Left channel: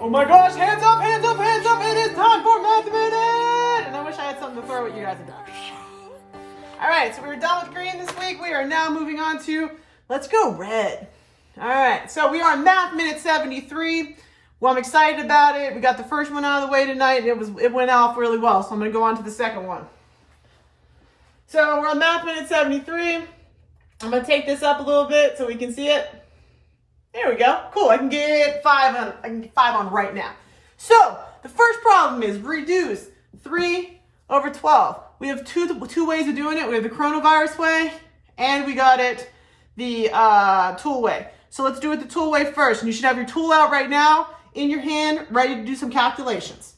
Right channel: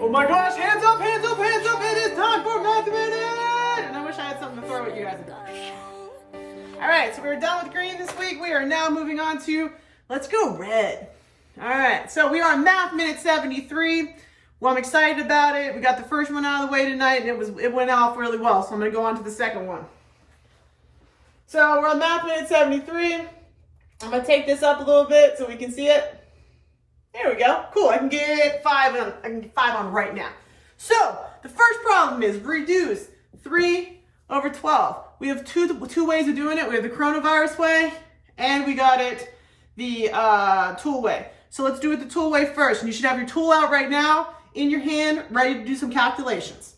Oh my gosh, hands up, hands up, hands up. It is time for Math Minute. And I wish I had something to throw at you guys again. All right, so we were done with green this week. We are now moving on to, let's go red. All right, so we are on Math Minute 73. Well, I'm excited about it. We got the first one out of the way tonight, and it went off really well. So I'm going to go on to the second one. So we're on Math Minute 73. I'm going to take this up a little bit so we can see it. There we go. Cool. I can get 5 on. I can get 5 on right now. So the first problem is reduce 3 over 12. We have two ways of doing it. We have the coronavirus way, and we got it the tool way. So let's do it the tool way first. And you should have your tool out right now in your hand, ready to do some calculations.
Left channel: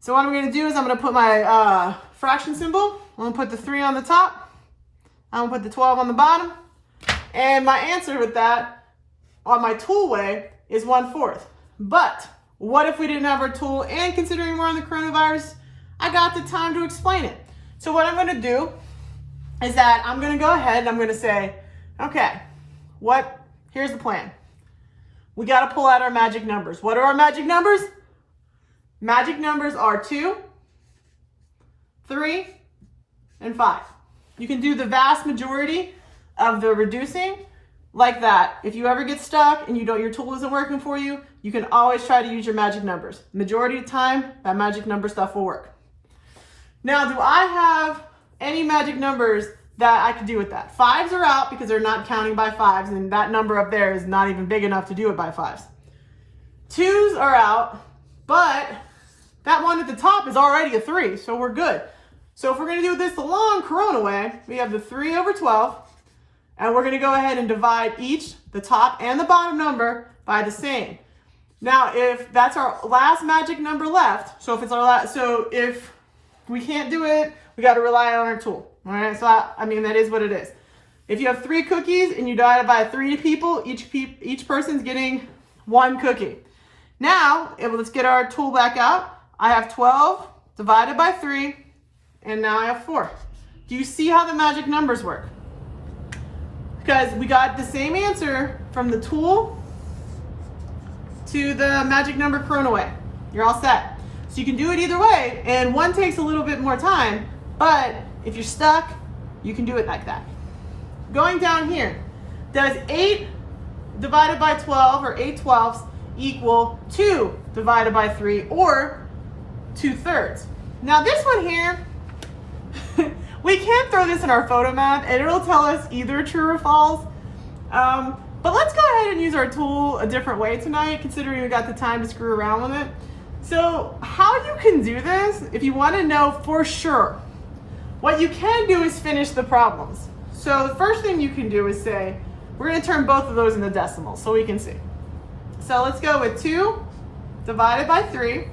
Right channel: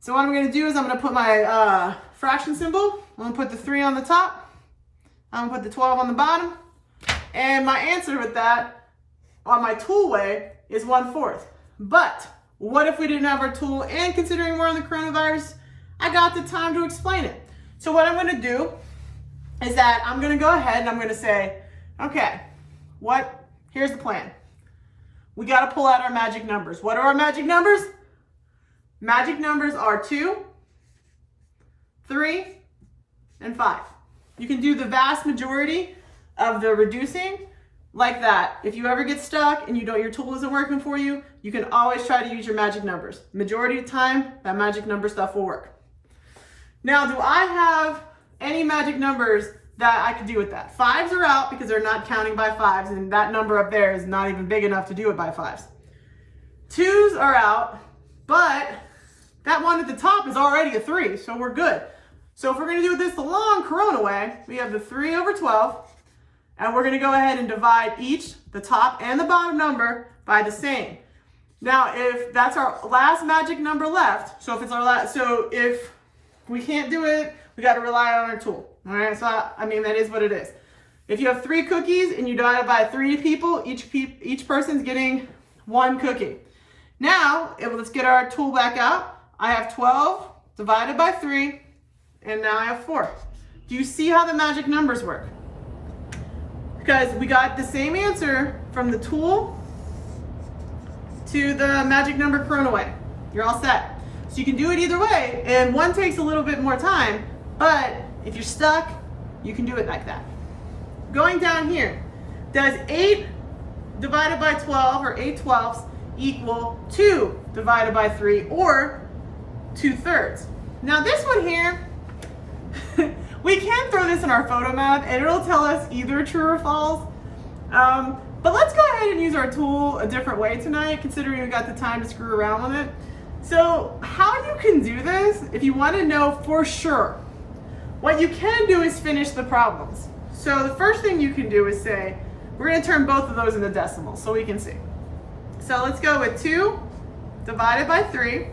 So what I'm going to do is I'm going to put my fraction symbol. I'm going to put the 3 on the top. I'm going to put the 12 on the bottom. And my answer with that on my tool way is 1/4. But what if we didn't have our tool, and considering we're on the coronavirus, I got the time to explain it. So what I'm going to do is that I'm going to go ahead and I'm going to say, okay, here's the plan. We got to pull out our magic numbers. What are our magic numbers? Magic numbers are 2, 3, and 5. You can do the vast majority of the reducing like that. If you ever get stuck and your tool isn't working for you, you can always try to use your magic numbers. Majority of the time, that magic number stuff will work. Now, do I have any magic numbers that I could do with that? 5s are out because they're not counting by 5s, and that number up there is not even big enough to do it by 5s. 2s are out, but that one at the top is already a 3, so we're good. So if we're going to do this the long corona way, we have the 3 over 12, and we're going to go ahead and divide each, the top and the bottom number, by the same. Now, if that's our last magic number left, so if we can't do it, we got to rely on our tool. All right, so that is what it is. If you have 3 cookies and you divide it by 3 people, each person's getting 1 cookie. Now, let's get our tool back out. I have 12 divided by 3, and now I have 4. Do you see how the magic numbers work? Because we got the same answer from the tool to the magic number corona way. You're all set. So you can do it either way, and one takes a little bit more time, but if you're stuck, you can do it like that. Going down here, does 8 divided by 12, or 8 twelfths, equal 2 divided by 3, or 2/3? Now this one here, we can throw this in our photo math, and it'll tell us either true or false. But let's go ahead and use our tool a different way tonight, considering we got the time to screw around with it. So how you can do this, if you want to know for sure, what you can do is finish the problems. So the first thing you can do is say, we're going to turn both of those into decimals so we can see. So let's go with 2 divided by 3,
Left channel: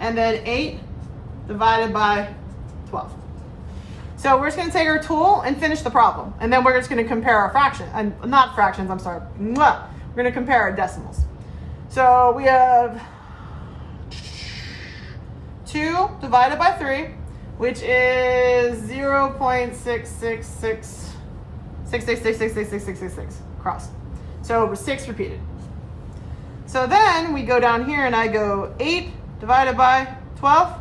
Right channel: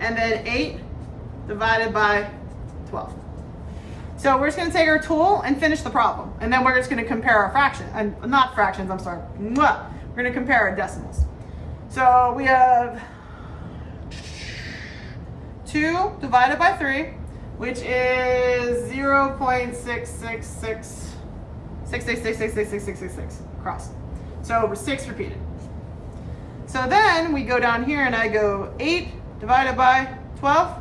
and then 8 divided by 12. So we're just going to take our tool and finish the problem. And then we're just going to compare our fractions. Not fractions, I'm sorry. We're going to compare our decimals. So we have 2 divided by 3, which is 0.666666666 across. So we're 6 repeated. So then we go down here and I go 8 divided by 12.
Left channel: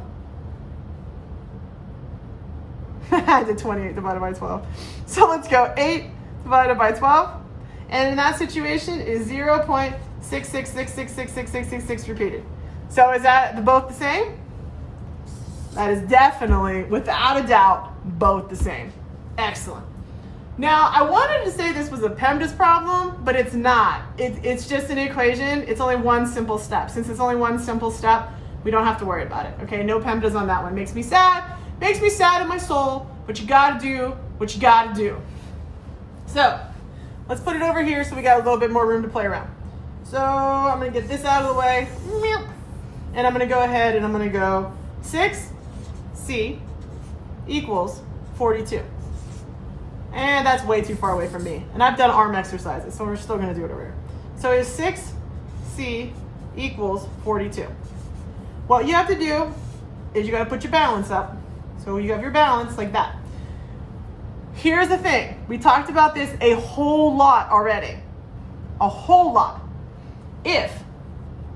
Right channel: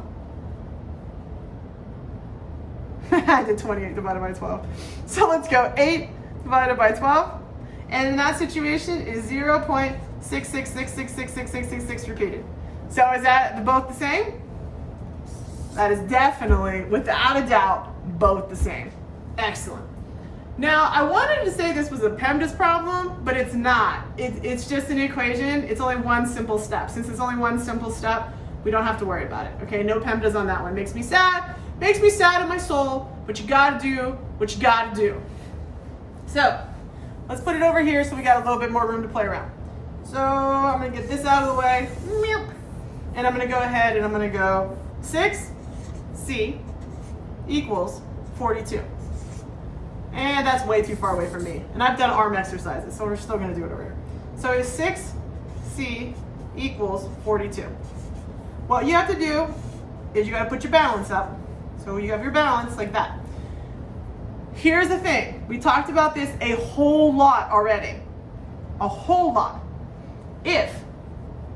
I did 28 divided by 12. So let's go 8 divided by 12. And in that situation is 0.666666666 repeated. So is that both the same? That is definitely, without a doubt, both the same. Excellent. Now, I wanted to say this was a PEMDAS problem, but it's not. It's just an equation. It's only one simple step. Since it's only one simple step, we don't have to worry about it. Okay, no PEMDAS on that one. Makes me sad. Makes me sad in my soul, but you gotta do what you gotta do. So, let's put it over here so we got a little bit more room to play around. So, I'm gonna get this out of the way. And I'm gonna go ahead and I'm gonna go 6C equals 42. And that's way too far away from me. And I've done arm exercises, so we're still gonna do it over here. So it's 6C equals 42. What you have to do is you gotta put your balance up. So you have your balance like that. Here's the thing. We talked about this a whole lot already. A whole lot. If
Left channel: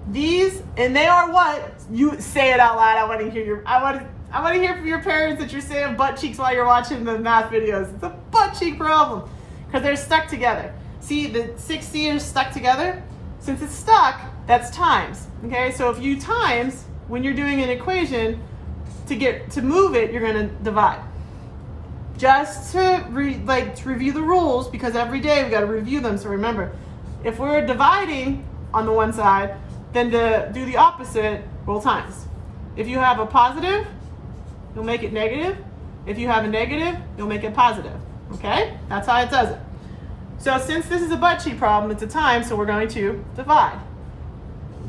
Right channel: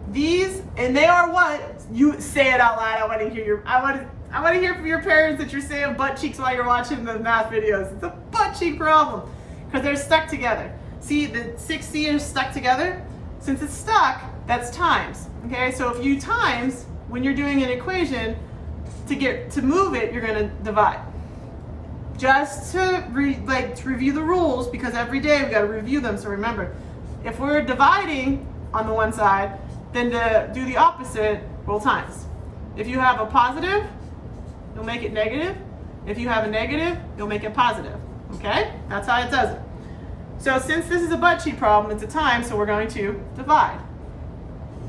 These, and they are what? You say it out loud. I want to hear I want to hear from your parents that you're saying butt cheeks while you're watching the math videos. It's a butt cheek problem because they're stuck together. See, the 6C is stuck together. Since it's stuck, that's times. Okay, so if you times, when you're doing an equation, to move it, you're going to divide. Just to review the rules, because every day we got to review them. So remember, if we're dividing on the one side, then to do the opposite, we'll times. If you have a positive, you'll make it negative. If you have a negative, you'll make it positive. Okay? That's how it does it. So since this is a butt cheek problem, it's a time, so we're going to divide.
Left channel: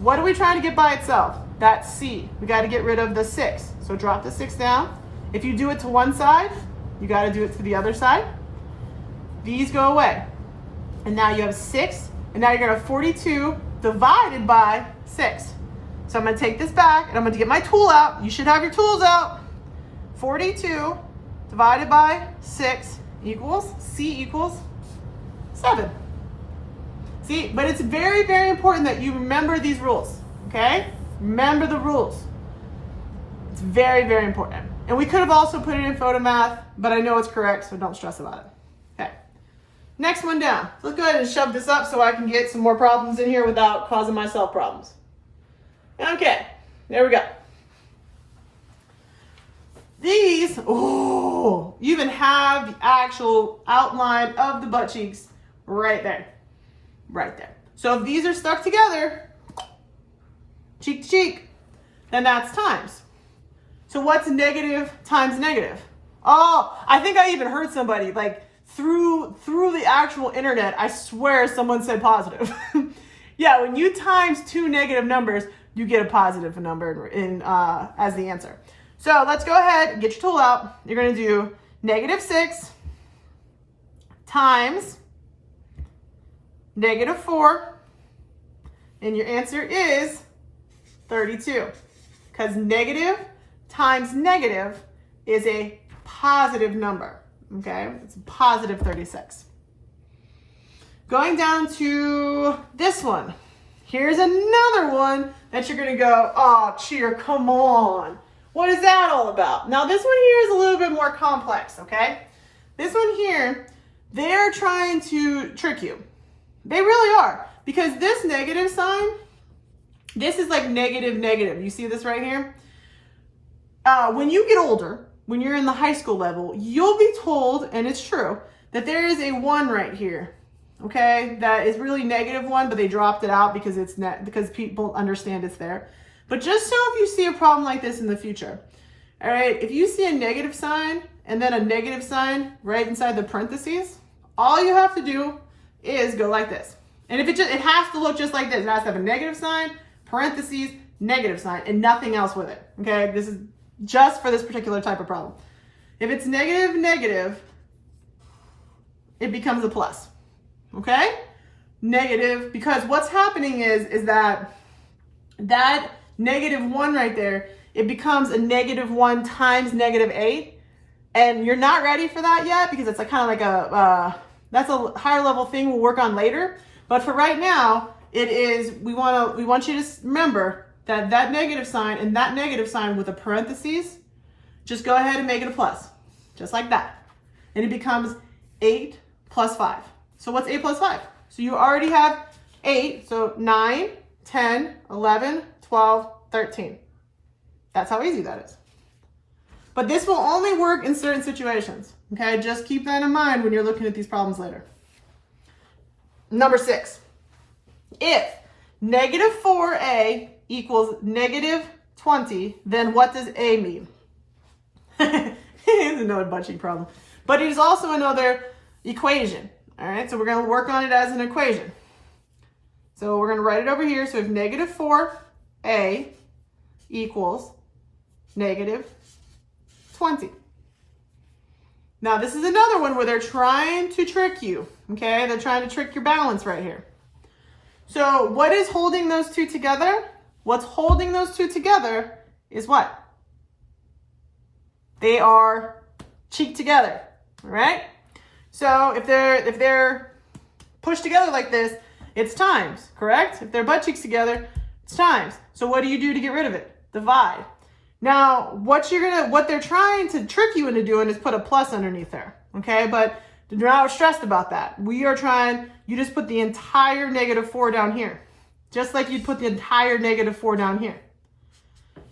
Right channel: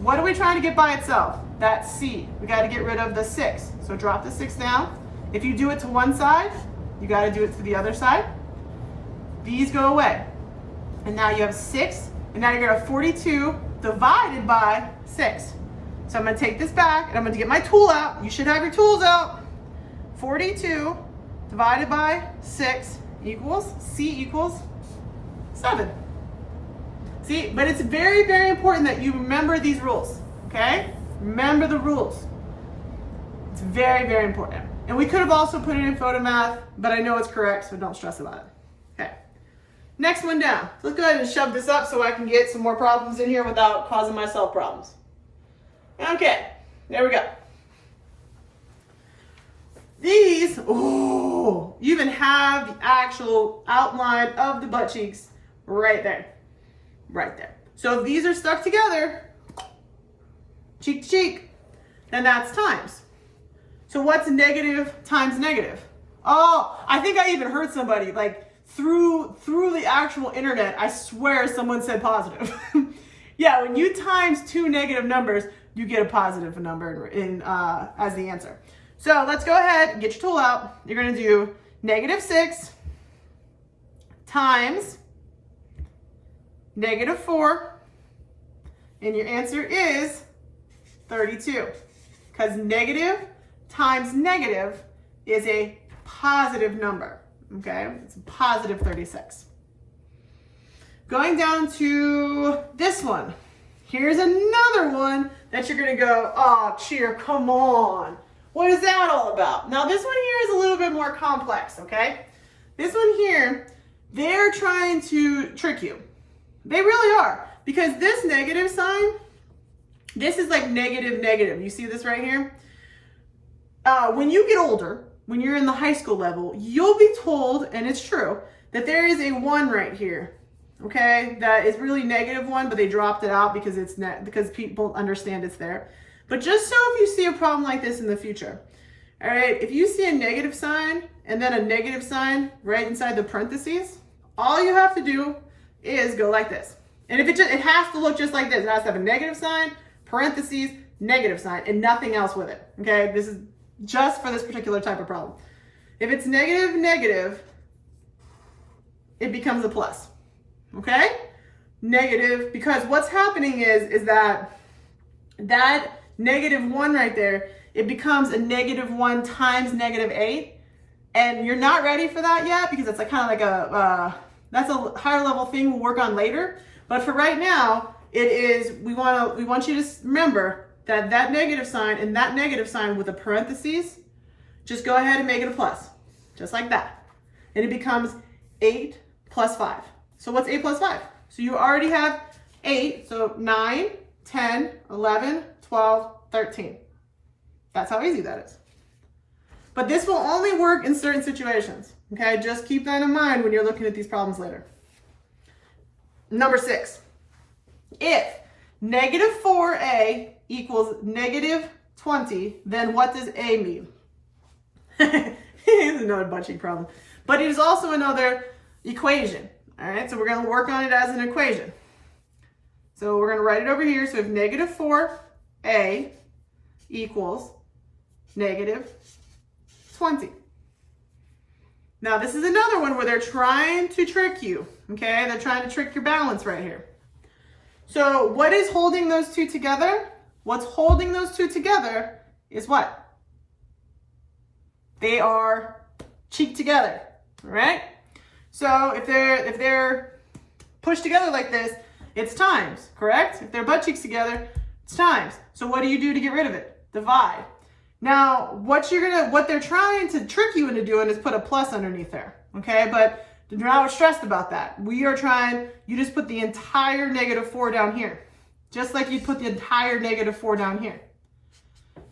What are we trying to get by itself? That's C. We got to get rid of the 6. So drop the 6 down. If you do it to one side, you got to do it to the other side. These go away. And now you have 6, and now you're going to have 42 divided by 6. So I'm going to take this back, and I'm going to get my tool out. You should have your tools out. 42 divided by 6 equals, C equals 7. See, but it's very, very important that you remember these rules, okay? Remember the rules. It's very, very important. And we could have also put it in photo math, but I know it's correct, so don't stress about it. Okay, next one down. Let's go ahead and shove this up so I can get some more problems in here without causing myself problems. Okay, there we go. These, oh, you even have the actual outline of the butt cheeks right there. Right there. So if these are stuck together, cheek to cheek, then that's times. So what's negative times negative? Oh, I think I even heard somebody, like through the actual internet, I swear someone said positive. Yeah, when you times two negative numbers, you get a positive number in as the answer. So let's go ahead and get your tool out. You're going to do -6 times -4, and your answer is 32, because negative times negative is a positive number, okay? It's a positive 36. Going down to this one. Here's another one that you're gonna go, oh, cheer, come on. What is that all about? Now this one here is a little bit more complex, okay? This one here, they're trying to trick you. They really are, because this negative sign, this is like negative, negative. You see this right here? When you get older, when you're in the high school level, you'll be told, and it's true, that there is a 1 right here, okay? That is really -1, but they dropped it out because because people understand it's there. But just so if you see a problem like this in the future, all right, if you see a negative sign and then a negative sign right inside the parentheses, all you have to do is go like this. And if it has to look just like this. It has to have a negative sign, parentheses, negative sign, and nothing else with it, okay? This is just for this particular type of problem. If it's negative, negative, it becomes a plus, okay? Negative, because what's happening is that -1 right there, it becomes a -1 times -8, and you're not ready for that yet because it's kind of like that's a higher level thing we'll work on later. But for right now, it is, we want you to remember that negative sign and that negative sign with a parentheses, just go ahead and make it a plus, just like that. And it becomes 8 plus 5. So what's 8 plus 5? So you already have 8, so 9, 10, 11, 12, 13. That's how easy that is. But this will only work in certain situations, okay? Just keep that in mind when you're looking at these problems later. Number 6, if -4a equals -20, then what does a mean? It's another butt cheek problem. But it is also another equation, all right? So we're gonna work on it as an equation. So we're gonna write it over here. So if -4a equals -20. Now this is another one where they're trying to trick you, okay? They're trying to trick your balance right here. So what is holding those two together? What's holding those two together is what? They are cheek together, all right? So if they're pushed together like this, it's times, correct? If they're butt cheeks together, It's times. So what do you do to get rid of it? Divide. Now, what they're trying to trick you into doing is put a plus underneath there, okay? But do not stressed about that. You just put the entire -4 down here, just like you'd put the entire -4 down here,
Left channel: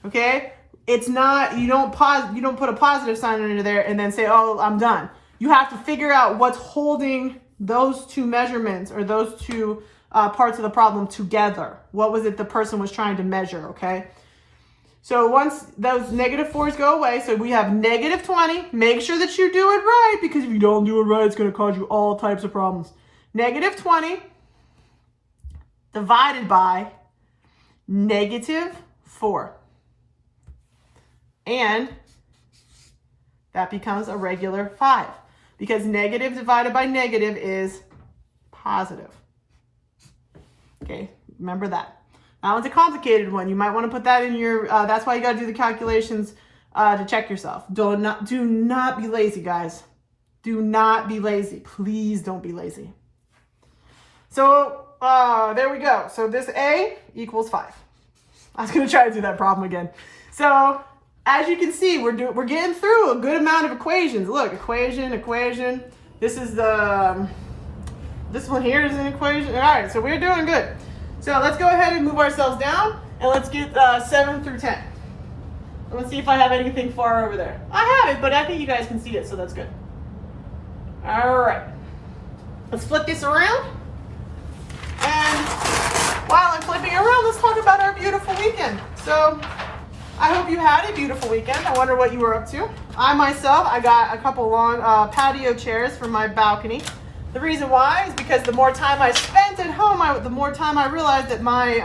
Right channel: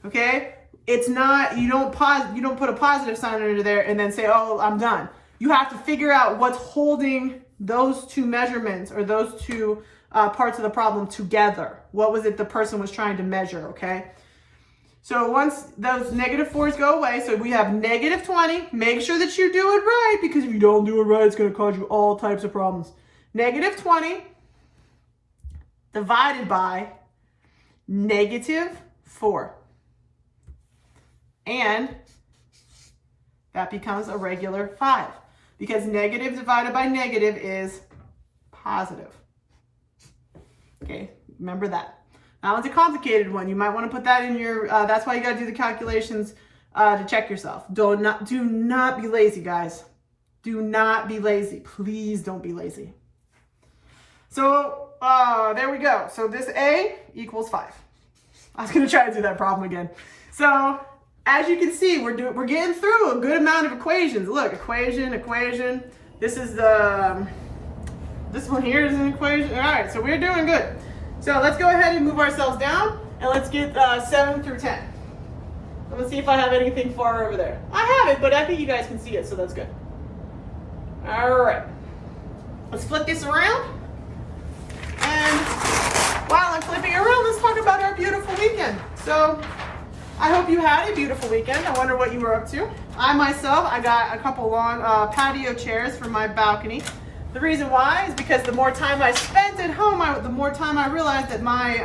okay? It's not, you don't put a positive sign under there and then say, oh, I'm done. You have to figure out what's holding those two measurements or those two parts of the problem together. What was it the person was trying to measure, okay? So once those -4s go away, so we have -20. Make sure that you do it right, because if you don't do it right, it's going to cause you all types of problems. -20 divided by -4. And that becomes a regular 5, because negative divided by negative is positive. Okay, remember that. Now it's a complicated one. You might want to put that in your, that's why you got to do the calculations to check yourself. Do not be lazy, guys. Do not be lazy. Please don't be lazy. So there we go. So this A equals 5. I was going to try to do that problem again. So as you can see, we're getting through a good amount of equations. Look, equation. This is this one here is an equation. All right, so we're doing good. So let's go ahead and move ourselves down, and let's get 7 through 10. Let's see if I have anything far over there. I have it, but I think you guys can see it, so that's good. All right. Let's flip this around. And while I'm flipping around, let's talk about our beautiful weekend. So I hope you had a beautiful weekend. I wonder what you were up to. I got a couple long patio chairs for my balcony. The reason why is because the more time I spent at home, the more time I realized that my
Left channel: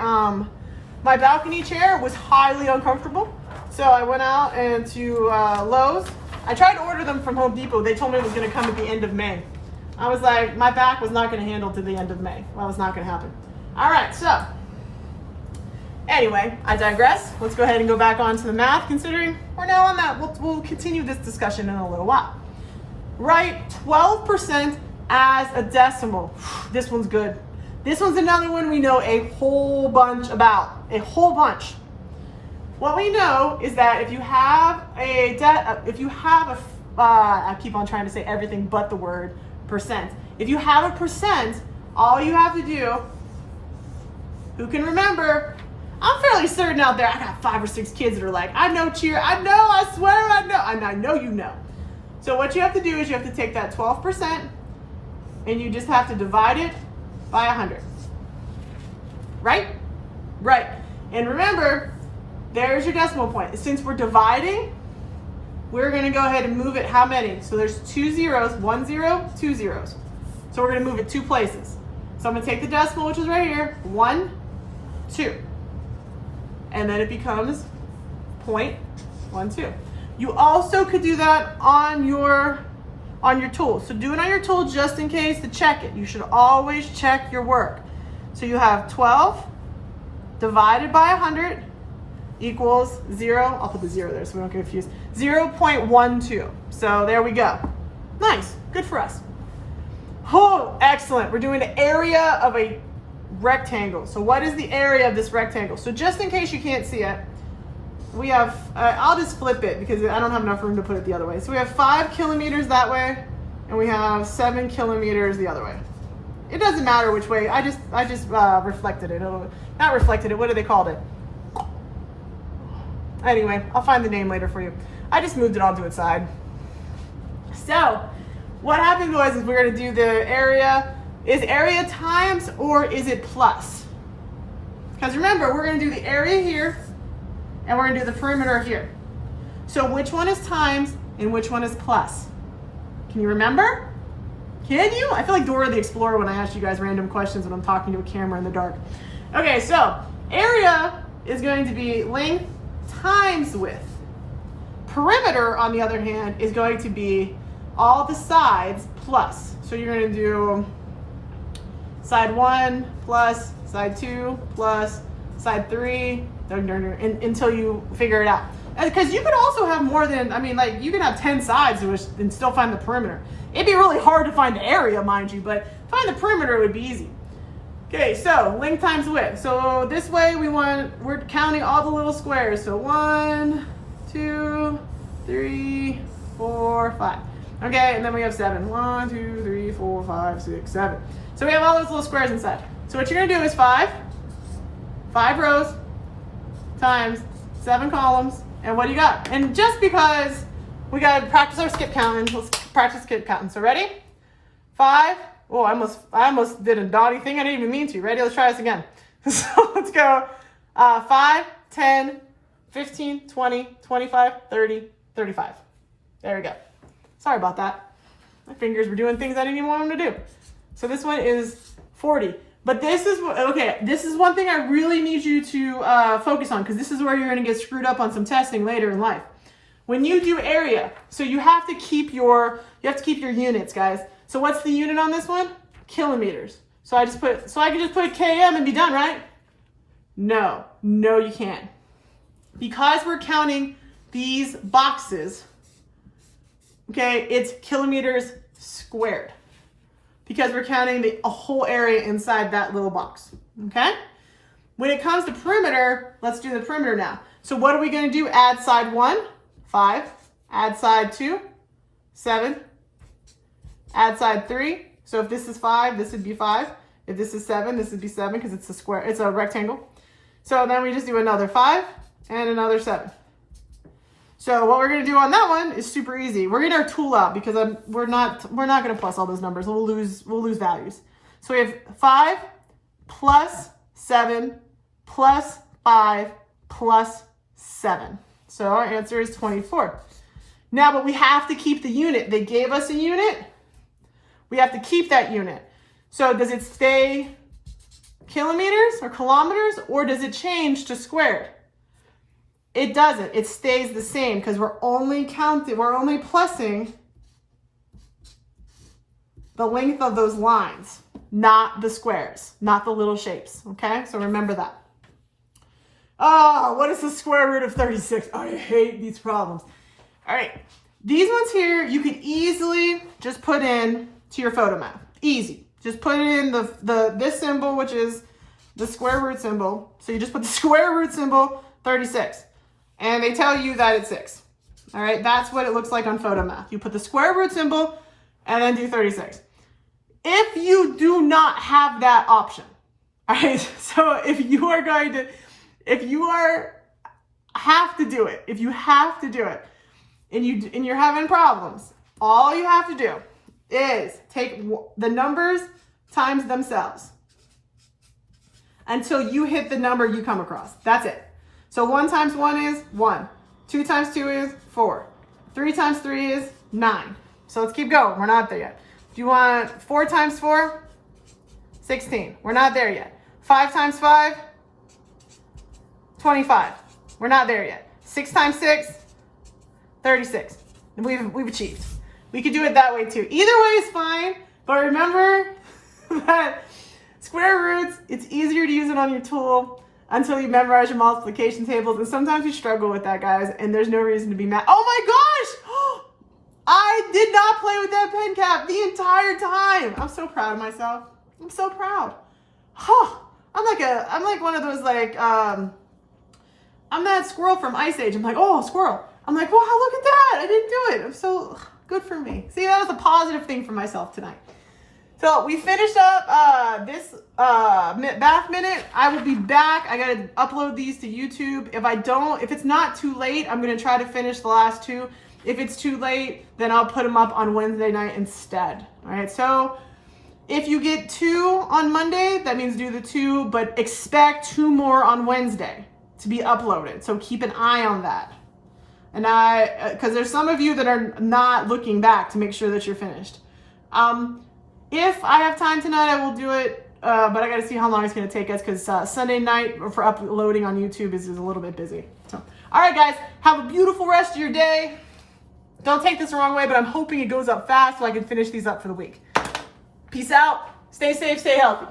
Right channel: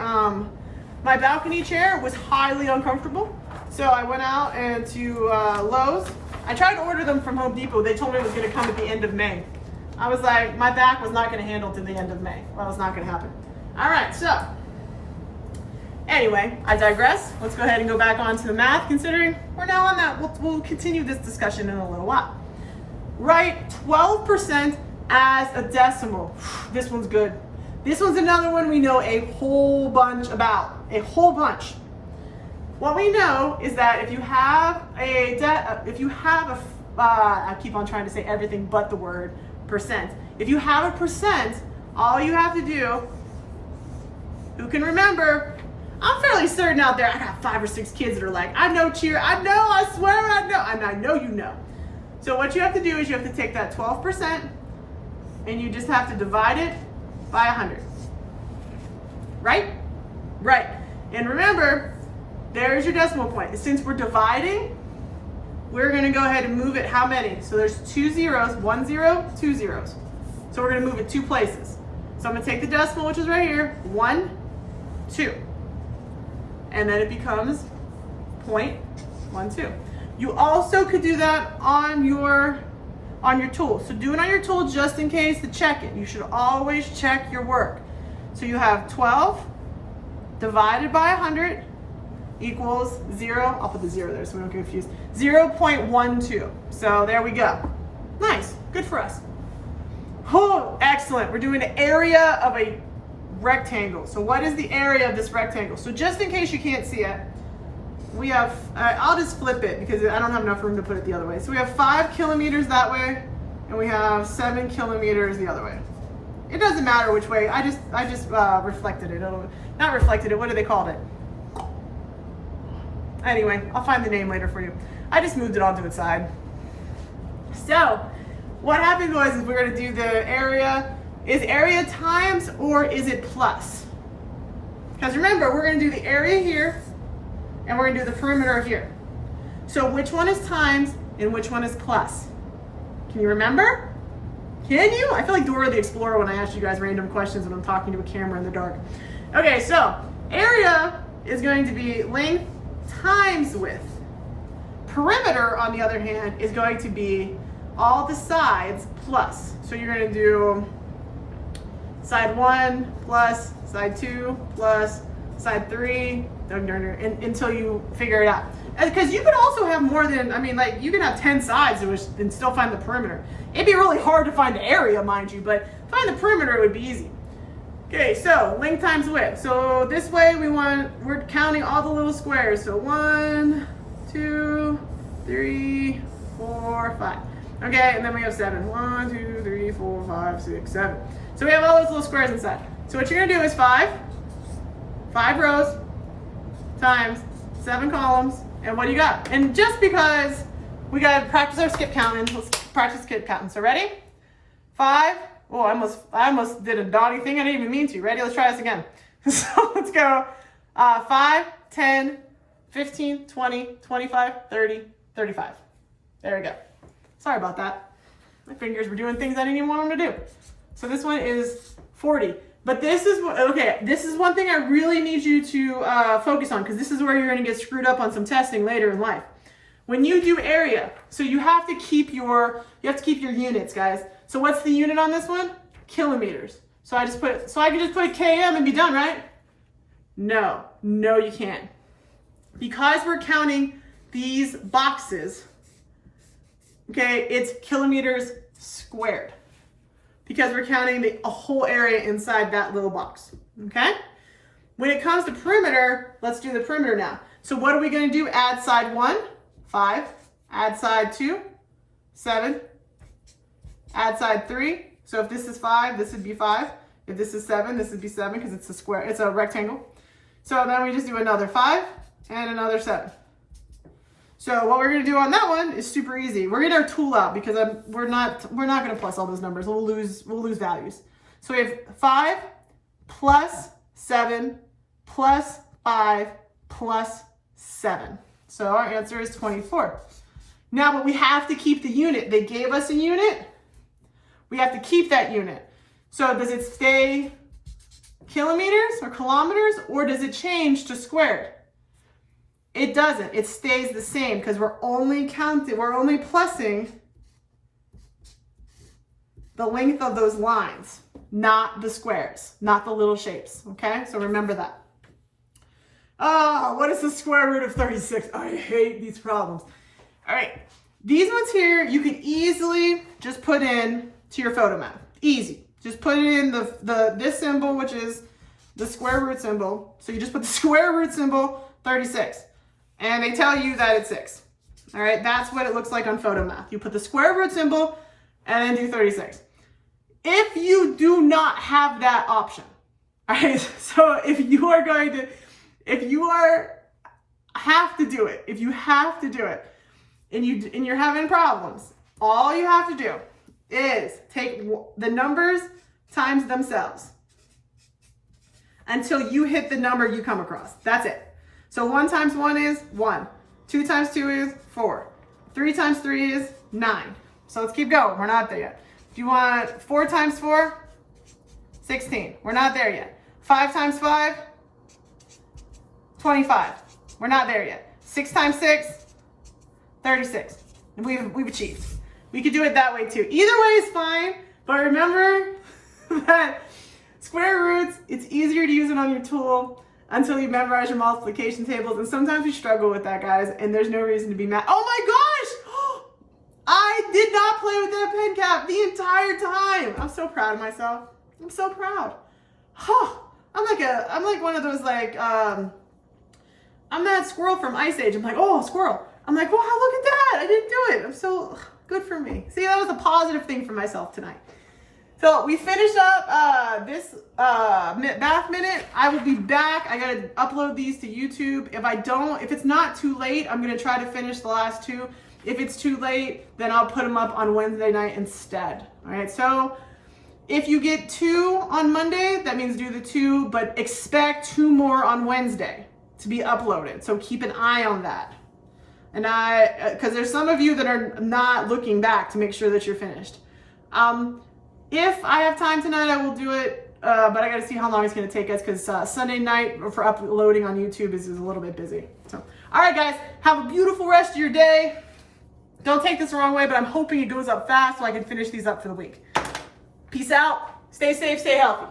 balcony chair was highly uncomfortable. So I went out and to Lowe's. I tried to order them from Home Depot. They told me it was going to come at the end of May. I was like, my back was not going to handle to the end of May. Well, it was not going to happen. All right, so anyway, I digress. Let's go ahead and go back on to the math, considering we're now on that. We'll continue this discussion in a little while. Write 12% as a decimal. This one's good. This one's another one we know a whole bunch about. A whole bunch. What we know is that if you have I keep on trying to say everything but the word percent. If you have a percent, all you have to do, who can remember? I'm fairly certain out there, I got 5 or 6 kids that are like, I know, cheer, I know, I swear I know, and I know you know. So what you have to do is you have to take that 12%, and you just have to divide it by 100. Right? Right. And remember, there's your decimal point. Since we're dividing, we're going to go ahead and move it how many? So there's 2 zeros, 1 0, 2 zeros. So we're going to move it 2 places. So I'm going to take the decimal, which is right here, 1, 2. And then it becomes 0.12. You also could do that on your tool. So do it on your tool just in case to check it. You should always check your work. So you have 12 divided by 100 equals 0. I'll put the 0 there so we don't get confused. 0.12. So there we go. Nice. Good for us. Oh, excellent. We're doing the area of a rectangle. So what is the area of this rectangle? So just in case you can't see it, we have, I'll just flip it because I don't have enough room to put it the other way. So we have 5 kilometers that way, and we have 7 kilometers the other way. It doesn't matter which way. I just reflected it. Not reflected it. What do they call it? Anyway, I'll find the name later for you. I just moved it all to its side. So what happened was we're going to do the area. Is area times or is it plus? Because remember, we're going to do the area here and we're going to do the perimeter here. So which one is times and which one is plus? Can you remember? Can you? I feel like Dora the Explorer when I ask you guys random questions when I'm talking to a camera in the dark. Okay, so area is going to be length times width. Perimeter, on the other hand, is going to be all the sides plus. So you're going to do side 1 plus, side 2 plus, side 3, until you figure it out. Because you could also have more than, I mean, like you can have 10 sides and still find the perimeter. It'd be really hard to find the area, mind you, but find the perimeter would be easy. Okay, so length times width. So this way we're counting all the little squares. So 1, 2, 3, 4, 5. Okay, and then we have 7. 1, 2, 3, 4, 5, 6, 7. So we have all those little squares inside. So what you're gonna do is 5 rows times 7 columns, and what do you got? And just because we gotta practice our skip counting, let's practice skip counting. So ready? 5. Oh, I almost did a naughty thing I didn't even mean to. Ready? Let's try this again. So let's go. 5, 10, 15, 20, 25, 30, 35. There we go. Sorry about that. My fingers were doing things I didn't even want them to do. So this one is 40. But this is one thing I really need you to focus on, because this is where you're going to get screwed up on some testing later in life. When you do area, so you have to keep your units, guys. So what's the unit on this one? Kilometers. So I can just put a km and be done, right? No, you can't. Because we're counting these boxes, okay, it's kilometers squared. Because we're counting a whole area inside that little box, okay? When it comes to perimeter, let's do the perimeter now. So what are we gonna do? Add side 1, 5. Add side 2, 7. Add side 3. So if this is 5, this would be 5. If this is 7, this would be 7 because it's a square, it's a rectangle. So then we just do another 5 and another 7. So what we're gonna do on that one is super easy. We're gonna get our tool out because we're not gonna plus all those numbers. We'll lose values. So we have 5 plus 7 plus 5 plus 7. So our answer is 24. Now, but we have to keep the unit. They gave us a unit. We have to keep that unit. So does it stay kilometers or kilometers, or does it change to squared? It doesn't. It stays the same because we're only plussing the length of those lines, not the squares, not the little shapes, okay? So remember that. Oh, what is the square root of 36? I hate these problems. All right, these ones here, you can easily just put in to your photo map. Easy. Just put it in this symbol, which is the square root symbol. So you just put the square root symbol, 36. And they tell you that it's 6. All right, that's what it looks like on photo math. You put the square root symbol and then do 36. If you do not have that option, all right, so if you have to do it, and you're having problems, all you have to do is take the numbers times themselves until you hit the number you come across. That's it. So 1 times 1 is 1. 2 times 2 is 4. 3 times 3 is 9. So let's keep going. We're not there yet. If you want 4 times 4, 16. We're not there yet. 5 times 5, 25. We're not there yet. 6 times 6, 36. And we've achieved. We could do it that way too. Either way is fine, but remember that square roots, it's easier to use it on your tool until you memorize your multiplication tables. And sometimes we struggle with that, guys, and there's no reason to be mad. Oh my gosh! I did not play with that pen cap the entire time. I'm so proud of myself. I'm so proud. I'm like one of those, like, I'm that squirrel from Ice Age. I'm like, oh, squirrel. I'm like, wow, look at that. I didn't do it. I'm so good for me. See, that was a positive thing for myself tonight. So we finished up this math minute. I will be back. I gotta upload these to YouTube. If it's not too late, I'm gonna try to finish the last 2. If it's too late, then I'll put them up on Wednesday night instead. All right, so if you get 2 on Monday, that means do the 2, but expect 2 more on Wednesday to be uploaded. So keep an eye on that. And because there's some of you that are not looking back to make sure that you're finished. If I have time tonight, I will do it, but I gotta see how long it's gonna take us because Sunday night for uploading on YouTube is a little bit busy. So, all right, guys, have a beautiful rest of your day. Don't take this the wrong way, but I'm hoping it goes up fast so I can finish these up for the week. Peace out. Stay safe, stay healthy.